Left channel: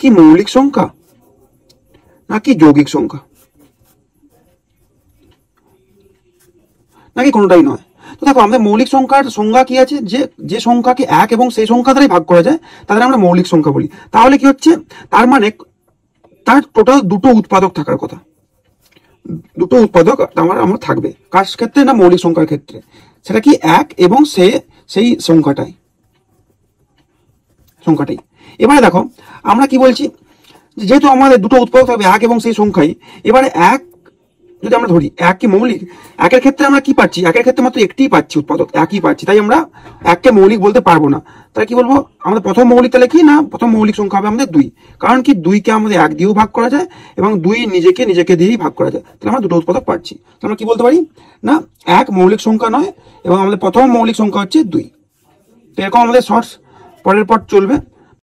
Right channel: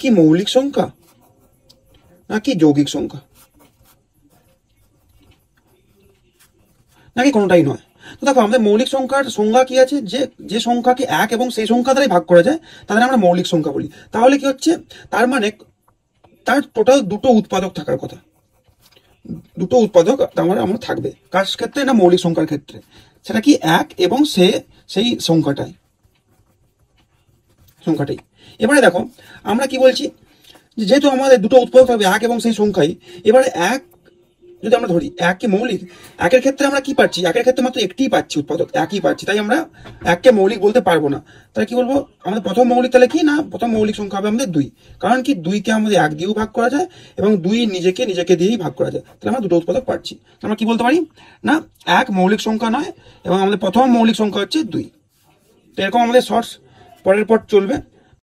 কি মৌলিক সংখ্যা নাকি যৌগিক সংখ্যা, নাকি কোনোটাই নয়? তো দেখো আমাদের মৌলিক সংখ্যার সংজ্ঞা কি আছে, যে সংখ্যাকে এক এবং সেই সংখ্যা দ্বারাই ভাগ করা যায় তাদের আমরা মৌলিক সংখ্যা বলি। তাহলে কি হচ্ছে, তার মানে তার টোটাল দুটো উৎপাদক থাকার কথা, দুটো উৎপাদক আমার থাকবে। কার ক্ষেত্রে না মৌলিক সংখ্যার ক্ষেত্রে, সেটা কি এক এবং সেই সংখ্যাটাই। এবারে দেখো আমরা কি বলছি, যেহেতু আমাদের দুটো উৎপাদক থাকবে এক এবং সেই সংখ্যাই, এবারে এক যদি আমরা ধরি এক কি মৌলিক, একের ক্ষেত্রে আমরা কি পাচ্ছি, একের ক্ষেত্রে মাত্র একটিই পাচ্ছি উৎপাদক, একই পাচ্ছি, তাই আমরা এককে মৌলিক বলতে পারবো না। তাই কি বলবো, আমাদের প্রথম মৌলিক তাহলে কি না, প্রথম মৌলিক সংখ্যা হবে আমাদের 2, কারণ কি 2কে আমাদের এক দিয়েও ভাগ করা যায় এবং 2 নিজেকে দিয়েই ভাগ করা যায়, তাহলে আমরা দুটো উৎপাদক পাচ্ছি। তাহলে আমরা কি বলতে পারি না, এক মৌলিক সংখ্যা নয় এবং আমাদের প্রথম মৌলিক সংখ্যা হচ্ছে 2। তো এরকম আমাদের শর্টস পরের পর চলবে।